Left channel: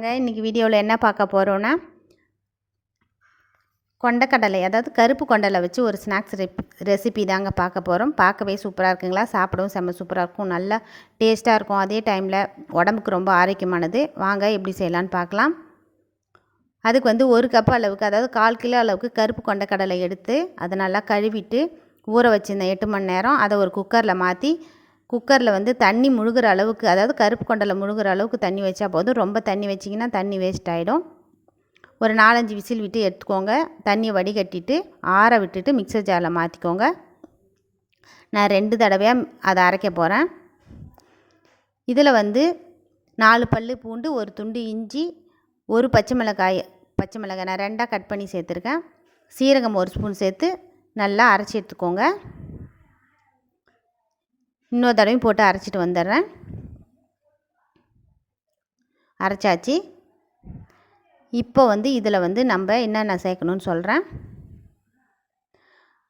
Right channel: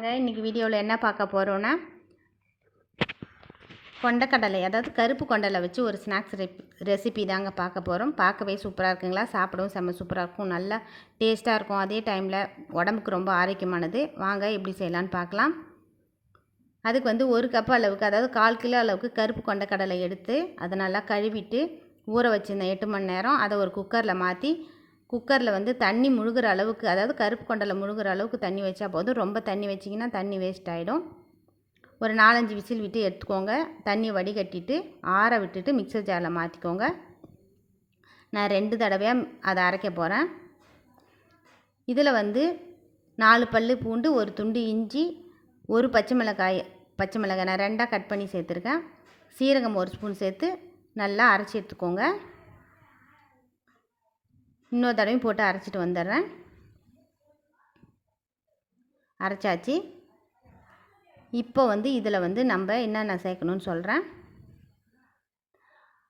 வாங்க. இன்றைக்கி வீடியோவில் என்ன பார்க்க போகிறோன்னா கொண்டக்கடலை அதாவது கருப்பு கொண்டலை வச்சு ஒரு ஸ்நாக்ஸ் ரெசிபி தாங்க பார்க்க போகிறோம் பார்க்கவே சூப்பராக இருக்குங்களா? சாப்பிடவும் செம்ம சூப்பராக இருக்கும். நல்லா டேஸ்ட்டாக இருக்கும். அதே டைமில் உடம்புக்கு ரொம்ப ஆரோக்கியமானது. வாங்க எப்படி செய்யலான்னு பார்க்கலாம். அதுக்கு வந்து ஒரு கப் அளவுக்கு அதாவது கால் கிலோ அளவுக்கு கருப்பு கொண்டக்கடலை எடுத்து அதை நல்லா கழுவிட்டு ஊற வச்சுருந்தேன் எட்டு மணி நேரம் அதை ஒரு குக்கரில் மாற்றி குக்கரில் வந்து தண்ணி முழுகிற அளவுக்கு அதாவது கருப்பு கொண்டலை முழுகிற அளவுக்கு தண்ணி வச்சா போதும். ரொம்ப தண்ணி வச்சிங்கன்னா தண்ணி வேஸ்ட் ஆகிடும் ஒரு நாலஞ்சு விசில் விட்டு எடுத்துக்கோங்க. தண்ணியை வடிகட்டிட்டு ஆற விட்டுட்டு மிக்சர் ஜாரில் மாற்றிக்கோங்க நான் ரெண்டு தடவையாக அதை அரைக்க போகிறேன் இதில் வந்து நாலு பல் பூண்டு ஒரு துண்டு இஞ்சி ஒரு பச்சை மிளகாய் பச்சை மிளகாய் நான் ரெண்டாக கட் பண்ணி சேர்த்துருக்கேன். சீரகம் ஒரு ஸ்பூன் சேர்த்து நல்லா அரைச்சி எடுத்துக்கோங்க. இன்னொரு தடவையும் போட்டு அரைச்சிட்டு வந்துடுறேன். அரைச்சாச்சு. இப்போ வந்து இதில் வந்து நம்ம என்னென்ன சேர்க்கணும்னு சொல்கிறேன்.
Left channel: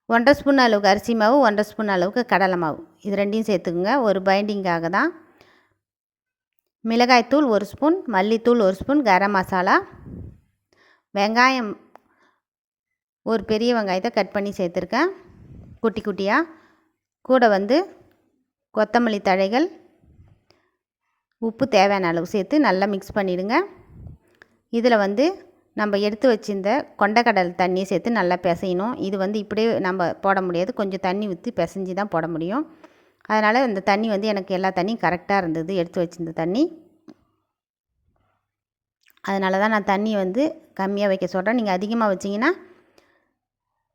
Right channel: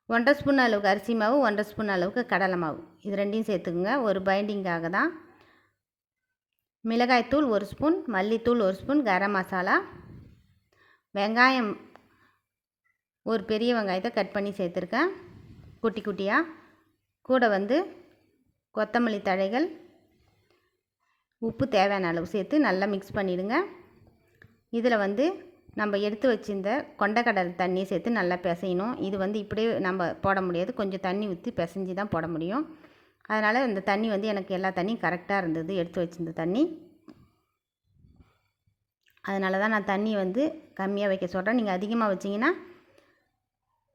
ஒன்றரை ஸ்பூன் அளவுக்கு அரிசி மாவு ஒன்றரை ஸ்பூன் அளவுக்கு கடலை மாவு. இது ரெண்டையும் சேர்த்துக்குங்க. ஒரு பைண்டிங்காக தான். மிளகாய்த்தூள் ஒரு ஸ்பூன் மல்லித்தூள் ஒரு ஸ்பூன் கரம் மசாலா. வெங்காயம் ஒரு பெரிய வெங்காயத்தை கட் பண்ணி சேர்த்துருக்கேன். குட்டி குட்டியாக. கூட வந்து கொத்தமல்லி தழைகள். உப்பு தேவையான அளவு சேர்த்து நல்லா மிக்ஸ் பண்ணிவிடுங்க இதில் வந்து நம்ம எடுத்து வச்சிருந்த கொண்டக்கடல் தண்ணியை சேர்த்து நல்லா பிசையணும். இது வந்து இப்படியே நம்ம போட முடியாது. கொஞ்சம் தண்ணி ஊற்றி பிசைஞ்சு தான் போட முடியும். அதனால் இந்த தண்ணி வந்து எனக்கு எல்லா தண்ணியும் கரெக்டாக இருந்தது. எடுத்து வச்சிருந்த தண்ணி. அதனால தான் நான் தண்ணி வந்து கம்மியாக வைக்க சொல்கிறேன் நீங்கள் அதிகமாக வச்சிங்கன்னா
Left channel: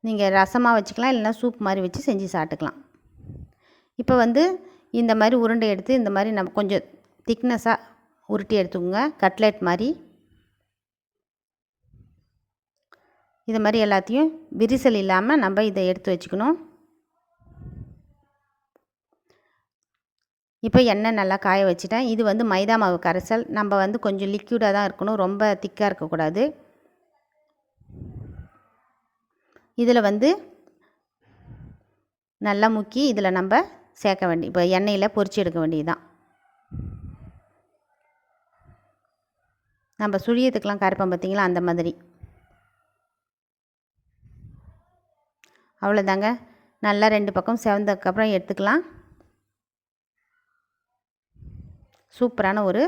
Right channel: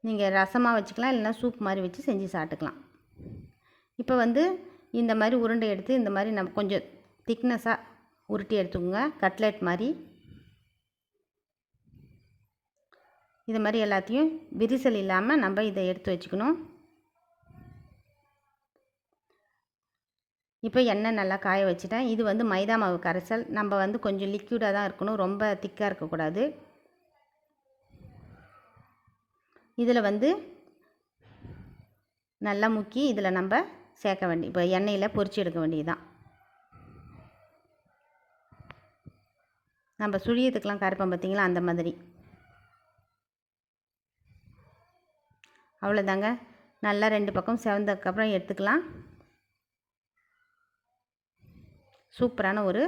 நீங்கள் ரசமாக வச்சுக்கலாம். இல்லைனா சூப் மாதிரி வச்சு செஞ்சு சாப்பிட்டுக்கலாம். இப்போ வந்து இந்த மாதிரி உருண்டை எடுத்து இந்த மாதிரி நம்ம கொஞ்சம் திக்னஸாக உருட்டி எடுத்துக்கோங்க. கட்லெட் மாதிரி. இது மாதிரி எல்லாத்தையும் விரிசல் இல்லாமல் நம்ம இதை எடுத்து வச்சுக்கணும். இப்போ எண்ணெய் நல்லா காய வச்சுட்டேன். இது வந்து மைதா மாவு கரைசல். நம்ம வந்து கொஞ்சம் லிக்யூடாக தான் இருக்கணும். ரொம்ப திக்காக இருக்கக்கூடாது. இதில் வந்து நல்லா முக்கி இதில் நம்ம சேர்க்க வேண்டி இப்போ எண்ணெயில் பொறிச்சு எடுக்க வேண்டியது தான் நம்ம சுழியத்துக்கெலாம் கரைப்போம் பார்த்திங்களா? அந்த மாதிரி. அவ்வளோதாங்க. நல்லா ரெண்டு பக்கம் செவந்ததுக்கப்புறம் எடுத்துக்கலாம். சூப்பரான ஒரு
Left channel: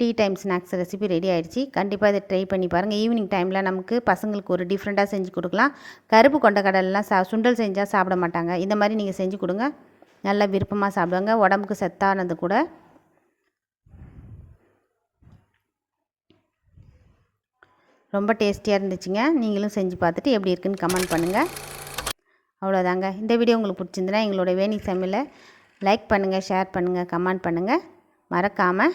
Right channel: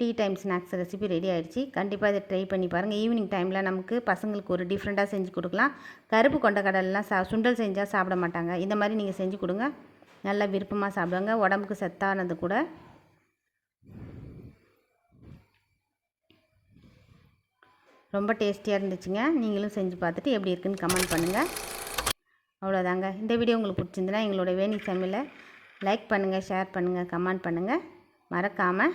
tea time snacks recipe ready ஆகிடுச்சு கண்டிப்பாக இதை ட்ரை பண்ணி பாருங்கள் ஈவினிங் டைமில் நமக்கு பசங்களுக்கு ஒரு டிஃப்ரெண்ட்டாக செஞ்சு கொடுக்கலாம். கருப்பு கொண்ட கடலெலாம் சா சுண்டல் செஞ்சால் சாப்பிட மாட்டாங்க. இந்த மாதிரி நீங்கள் செஞ்சு கொடுங்க. நல்லா விருப்பமாக சாப்பிடுவாங்க. உடம்புக்கு சத்தானது கூட. ரொம்ப டேஸ்டியாக இருந்துச்சுங்க. நீங்களும் செஞ்சு பார்த்துட்டு எப்படி இருக்குன்னு கமெண்ட் பண்ணுங்கள் அவ்வளோதாங்க இந்த வீடியோ உங்களுக்கு பிடிச்சிருந்துன்னா எங்களோட வேணி சமையலை லைக் பண்ணுங்கள் ஷேர் பண்ணுங்கள் கமெண்ட் பண்ணுங்கள் மறக்காமல்